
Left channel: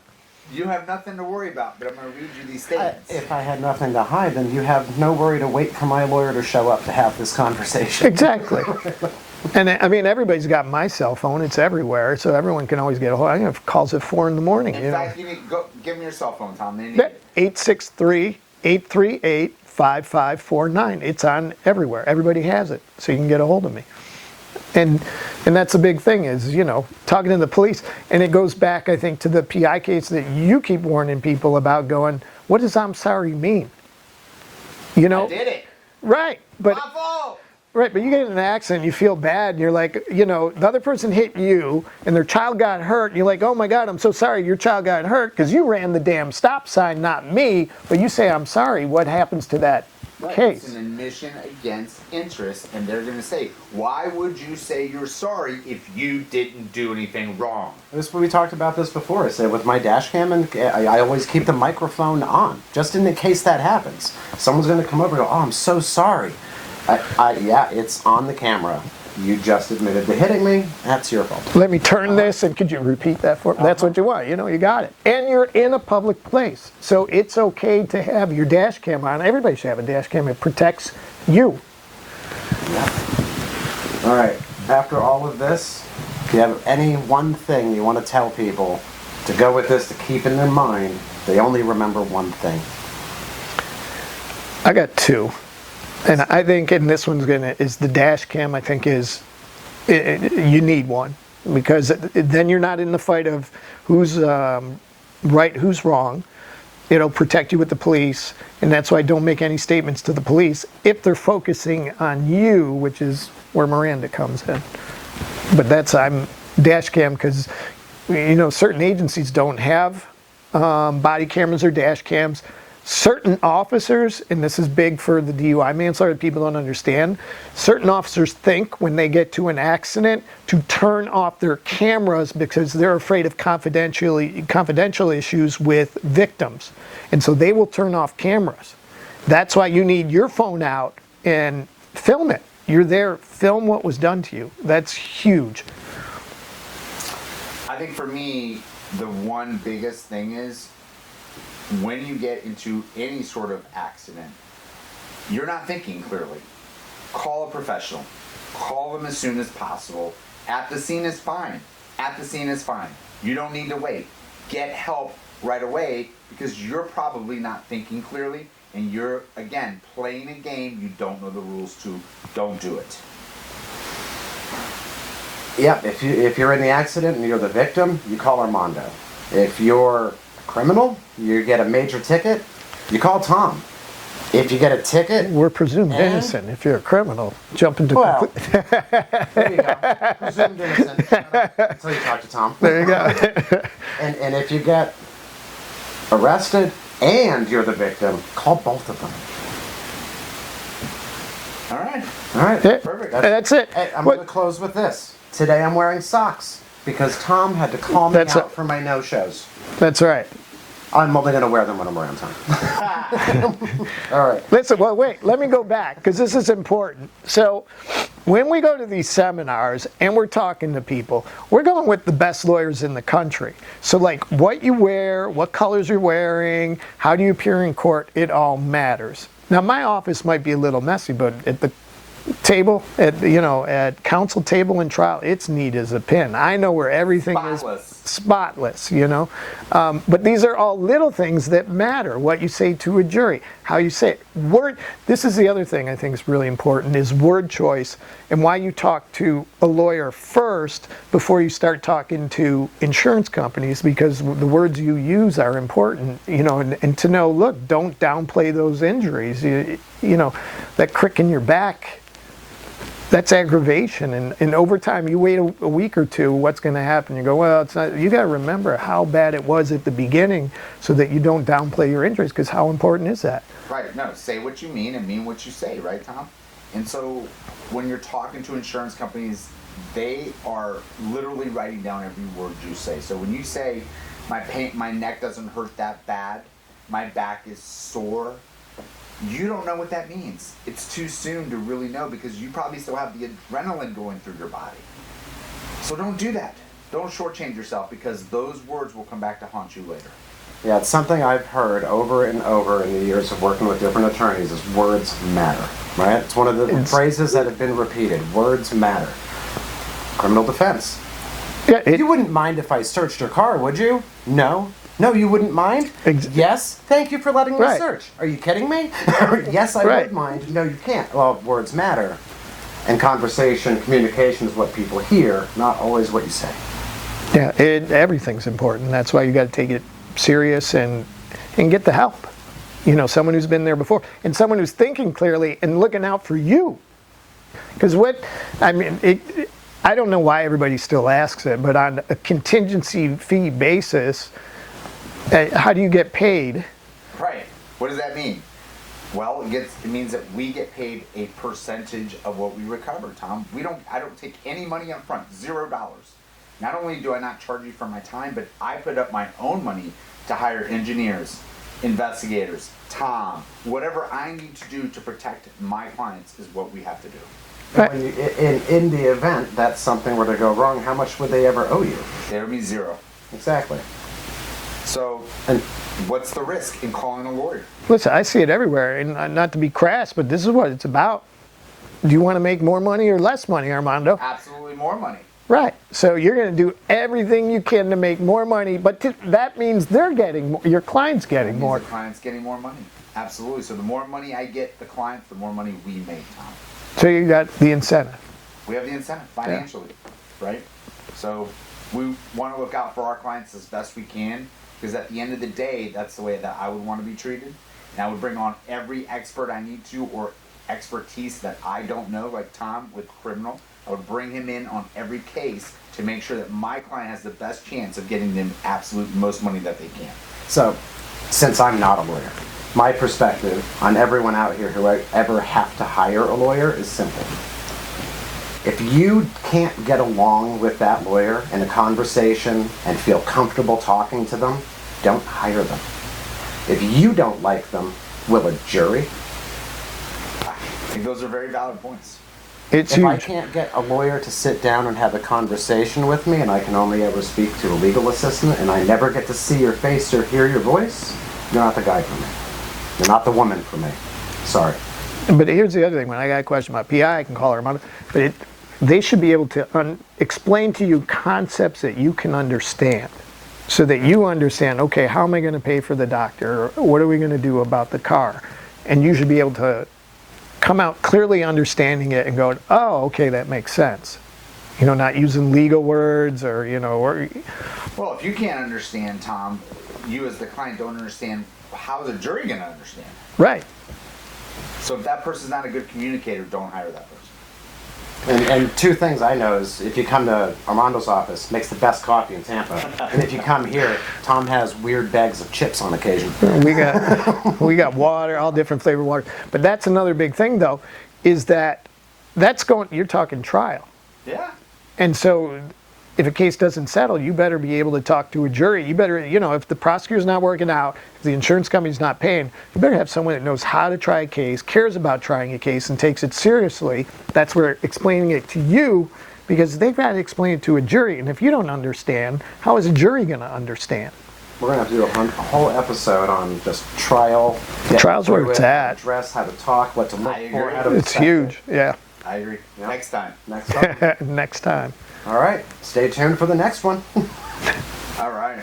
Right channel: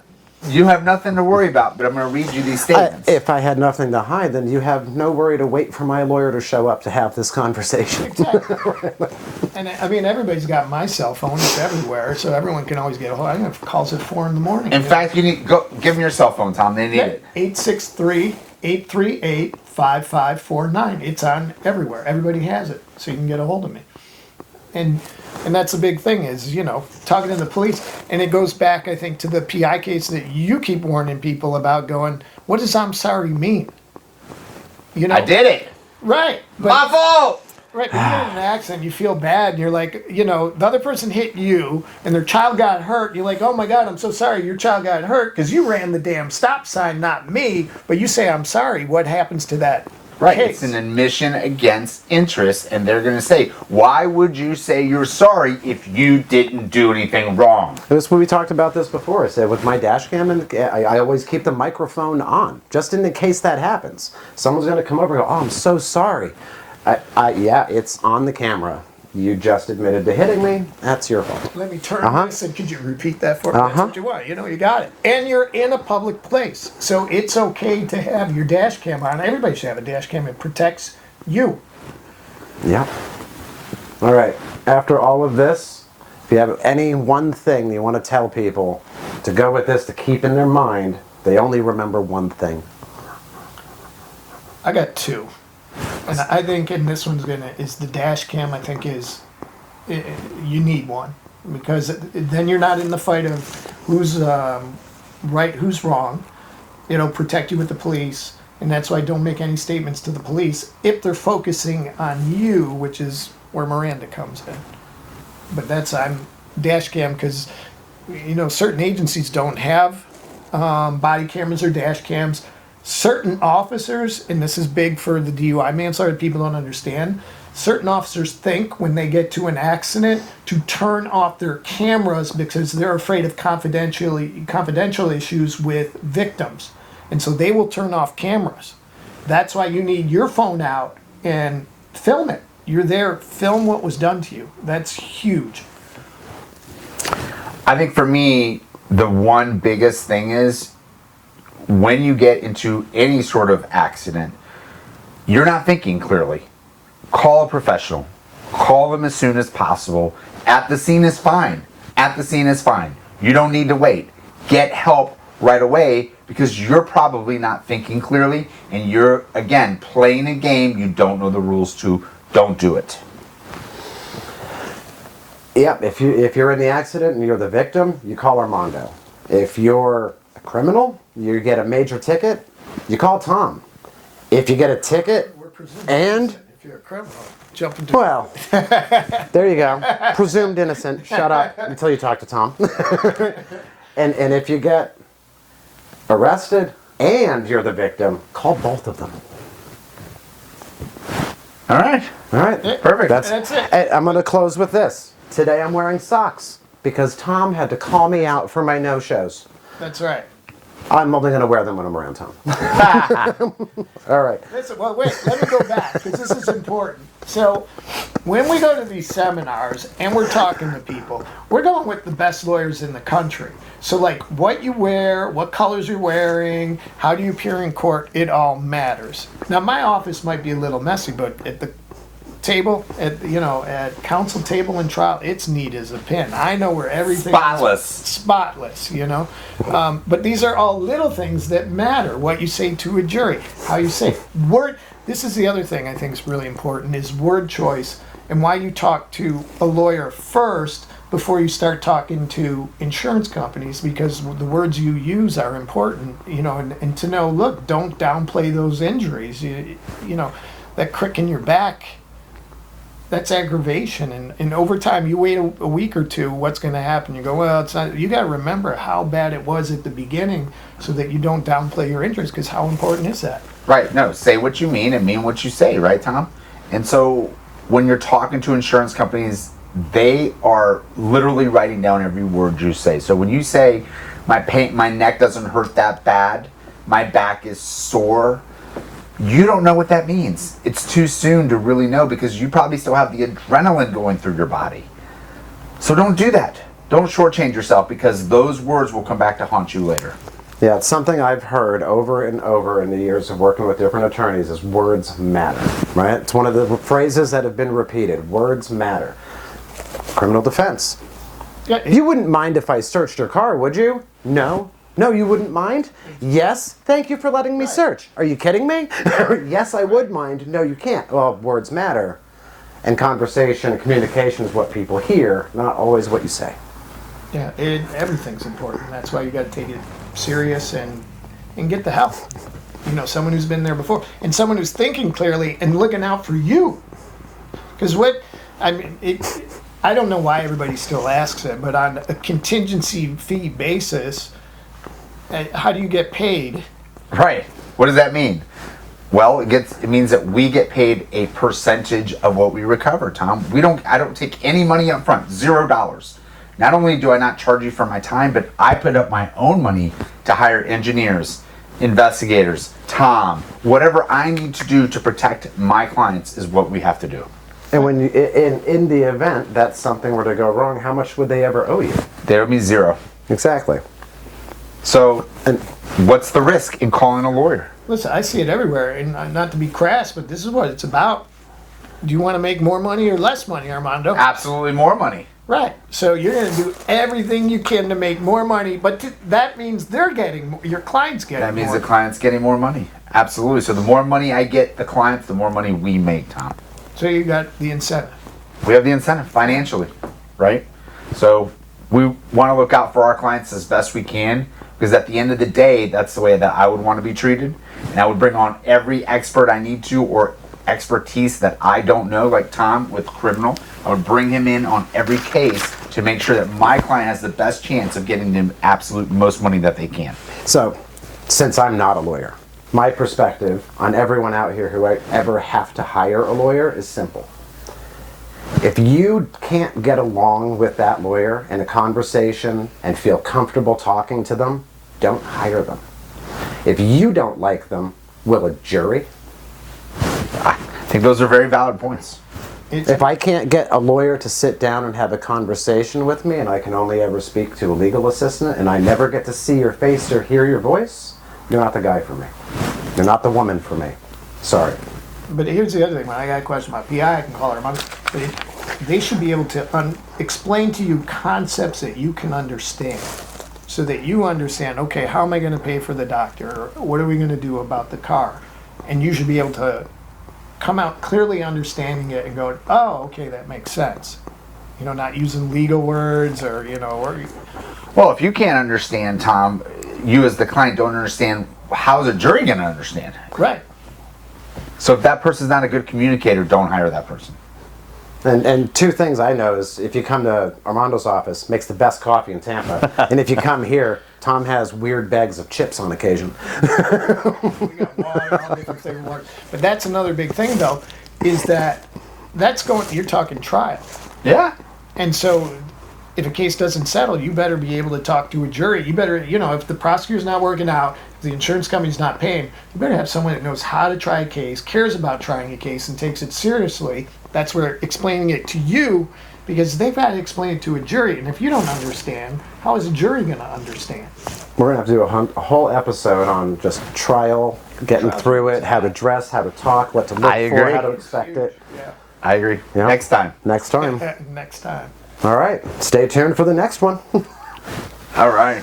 You have nothing to worry about, but I'm going to read you these statements. If I had nothing to hide, then you have no worry to wait for my lawyer to show up to have this conversation. Exactly. And everybody's got my cell phone. It's everywhere, so everyone can always get a hold. I have calls at 4 in the morning. In fact, you need go give them your cell phone, Tom. They need it. 863-838-5549. It's on everywhere. Everybody has it, so you can get a hold of me. And that's the big thing is, talking to the police. And it goes back, I think, to the PI case that you keep warning people about going, what does I'm sorry mean? I did it. Right. My fault. Right, but you get in an accident, you feel bad, and you're like, the other person hit you, and their child got hurt, and you're like, oh my God, I'm so sorry your child got hurt, because you ran the damn stop sign, not me, but you say, I'm sorry, what happens to that case? It's an admission against interest, and they're going to say, why would you say you're sorry if you didn't do anything wrong? We talked about this before. I said with my dash cam, I always keep the microphone on, just in the case that happens. Someone's going to come over and go, oh, I'm so sorry. Yeah, it's on the camera. You just admitted to hitting me. That's your fault. Let me turn this, and could you repeat that for me? That's what you want. You got it. And you're in a public place, so it's okay to have your dash cam on. Everybody should have a dash cam. It protects you. Yeah. All right. After all of this, if you have any one thing you want to tell people to go with this, to keep in their mind, they only remember one thing. I got two. And I think, and this one's is the dash cam, I think you need one. Because then you're not in the fight of who's right, who's wrong. It'll protect you with the police. And that's why I don't make any statements to the police if they're focusing on you, which is where Miranda comes in. But I'm dash cam because, certain agencies don't have body cameras or dash cams. Certain officers, and this is big for the DUI manslaughter, people don't understand, certain officers think when they get to an accident to turn off their cameras because they're afraid of confidential issues with victims. And so they will turn off cameras. That's why you need your phone out and film it. You're there, film what was done to you. That's huge. I think for me, the one biggest thing is, when you get into any sort of accident, you're not thinking clearly. Call a professional. Call them as soon as possible. At the scene is fine. At the scene is fine. You don't need to wait. Get help right away because you're probably not thinking clearly and you're, again, playing a game you don't know the rules to. Don't do it. Yep, if you're in the accident and you're the victim, you call Armando. If you're a criminal, you get a major ticket, you call Tom. If you get a ticket, We're presumed And- innocent if you're a criminal. Jump into well, there you go. Presumed innocent. Shut up until you talk to Tom. There you go. And if you get arrested and you're the victim, call both of them. All right. All right, Perfect. That's it. Hey, I'm going to close with this. Today I'm wearing socks because Tom had to call me That's out it. for my no-shows. That's right. I'm only going to wear them when I'm around Tom. All right. Listen, well, wait, let me go back because this is important. So, when we go to these seminars and we're talking to people, we're going with the best lawyers in the country. So, like, what you wear, what colors you're wearing, how do you appear in court, it all matters. Now, my office might be a little messy, but at the table, at counsel table and trial, it's neat as a pin. I know where everything is spotless, but these are all little things that matter. What you say to a jury, how you say it. This is the other thing I think is really important is word choice and why you talk to a lawyer first before you start talking to insurance companies, because the words you use are important, and to know, look, don't downplay those injuries. That crick in your back, that's aggravation, and over time you wait a week or two, what's going to happen? You go, well, it's not. You got to remember how bad it was at the beginning so that you don't downplay your injuries, because how important is that? Right. No, say what you mean and mean what you say, right, Tom? And so when you're talking to insurance companies, they are literally writing down every word you say. So when you say my neck doesn't hurt that bad, my back is sore, you don't know what that means. It's too soon to really know because you probably still have the adrenaline going through your body. So don't do that. Don't shortchange yourself because those words will come back to haunt you later. Yeah, it's something I've heard over and over in the years of working with different attorneys is words matter, right? It's one of the phrases that have been repeated. Words matter. Criminal defense. Yeah, You wouldn't mind if I searched your car, would you? No. No, you wouldn't mind? Yes. Thank you for letting me Right. search. Are you kidding me? Yes, I Right. would mind. No, you can't. Well, words matter. And conversation, communication is what people hear, not always what you say. Yeah, everything's important. That's why you got to take it serious and get the help. Someone who's been there before and someone who's thinking clearly and looking out for you. Because I don't know why everybody still asks it, but on a contingency fee basis, how do you get paid? Right. What does that mean? Well, it means that we get paid a percentage of what we recover, Tom. I don't take any money up front, $0. Not only do I not charge you for my time, but I put up my own money to hire engineers, investigators, Tom, whatever I need to do to protect my clients is what we have to do. And when in the event that something were to go wrong, how much would they ever owe you? They owe me $0. Exactly. So, And what's the risk in calling a lawyer? Listen, I see it everywhere, and not to be crass, but this is what it's about. Do you want to make more money or less money, Armando? Absolutely more money. Right. So you're going to do everything you can to make more money, but that means they're getting more, your client's getting That means more. the client's getting more money. Absolutely. So the more money I get the clients, the more money we make, Tom. So you got the incentive. We have the incentive financially, right? So we want to look out for our clients as best we can because at the end of the day, that's the way that I would want to be treated. And I would bring on every expert I need to or expertise that I don't know, like Tom with criminal. I would bring him in on every case to make sure that my client has the best chance of getting the absolute most money that they can. so, since I'm not a lawyer, my perspective on everyone out here who ever have to hire a lawyer is simple. If you can't get along with that lawyer in a conversation and feel comfortable talking to them, don't hire them. If you don't like them, will a jury? I think those are very valid points. It's If I huge. can't get a lawyer to sit down and have a conversation with me and I can only ever speak to a legal assistant and I never get to see your face or hear your voice, you're not the guy for me. You're not the woman for me. Sorry. But here's the other thing. When I got a question about PI, I can call her. But they should be able to explain to you concepts that you can understand. so that you understand, okay, how am I going to pay for the doctor? What are we going to do about the car? And you should be able to come out clearly understanding it and go, oh, okay, that makes sense. You know, not using legal words or, you know, or Well, if you can't understand, Tom, you as the client don't understand, how's a jury going to understand? right. So if that person's not a good communicator, don't hire that person. And two things I know is if you come to Armando's office, makes the best coffee in Tampa. And if you come here, Tom has weird bags of chips on occasion. We got water, all different flavored water. But that's another big thing, though, is that that's going, you're talking trial. Yeah. And so if a case doesn't settle, you better be able to talk to a jury. You better, you know, if the prosecutor's not working out, if the insurance company's not paying, you better have someone that knows how to try a case, cares about trying a case, and takes it seriously. That's where explaining it to you, because they've had to explain it to a jury. And if you don't understand, how is a jury going to understand? We're going to have to do a whole episode on just trial, getting Trial's through where it, it's how to at. dress, how to talk, what to look I for, agree. how to It's expect huge. it. Yeah. I agree. Yeah. Next time. Next time. Next time. All right. Stay tuned for the next one. All right.